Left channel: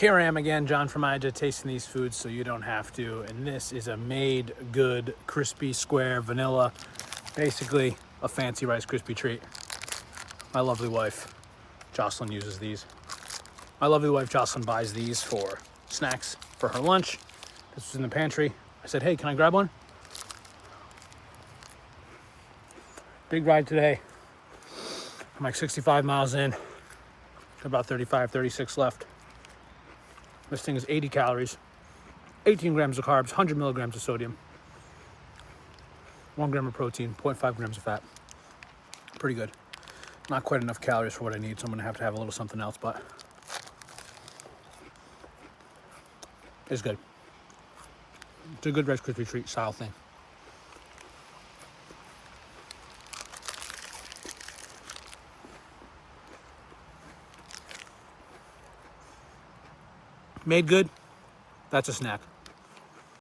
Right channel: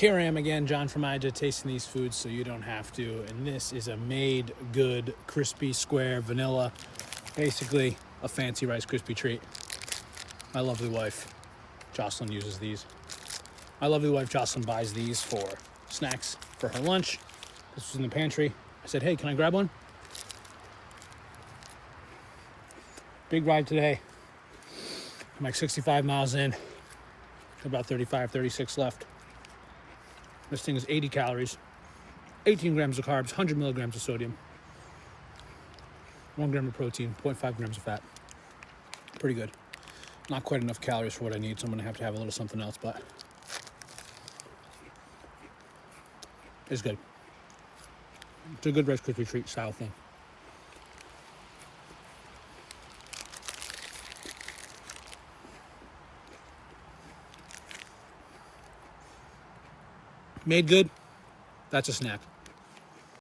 Here I am again, John from Ida, tasting these foods so you don't have to. And this is a made good, crispy, square, vanilla, basically a fancy Rice Krispie treat. My lovely wife, Jocelyn, uses these. My lovely wife, Jocelyn, buys these for snacks for her lunch. This is in the pantry. I said, hey, can I grab one? Big ride today. I'm like 65 miles in, about 35, 36 left. This thing is 80 calories, 18 grams of carbs, 100 milligrams of sodium, 1 gram of protein, 0.5 grams of fat. Pretty good. Not quite enough calories for what I need, so I'm gonna have to have a little something else, but it's good. It's a good Rice Krispie treat style thing. Made good, that's a snack.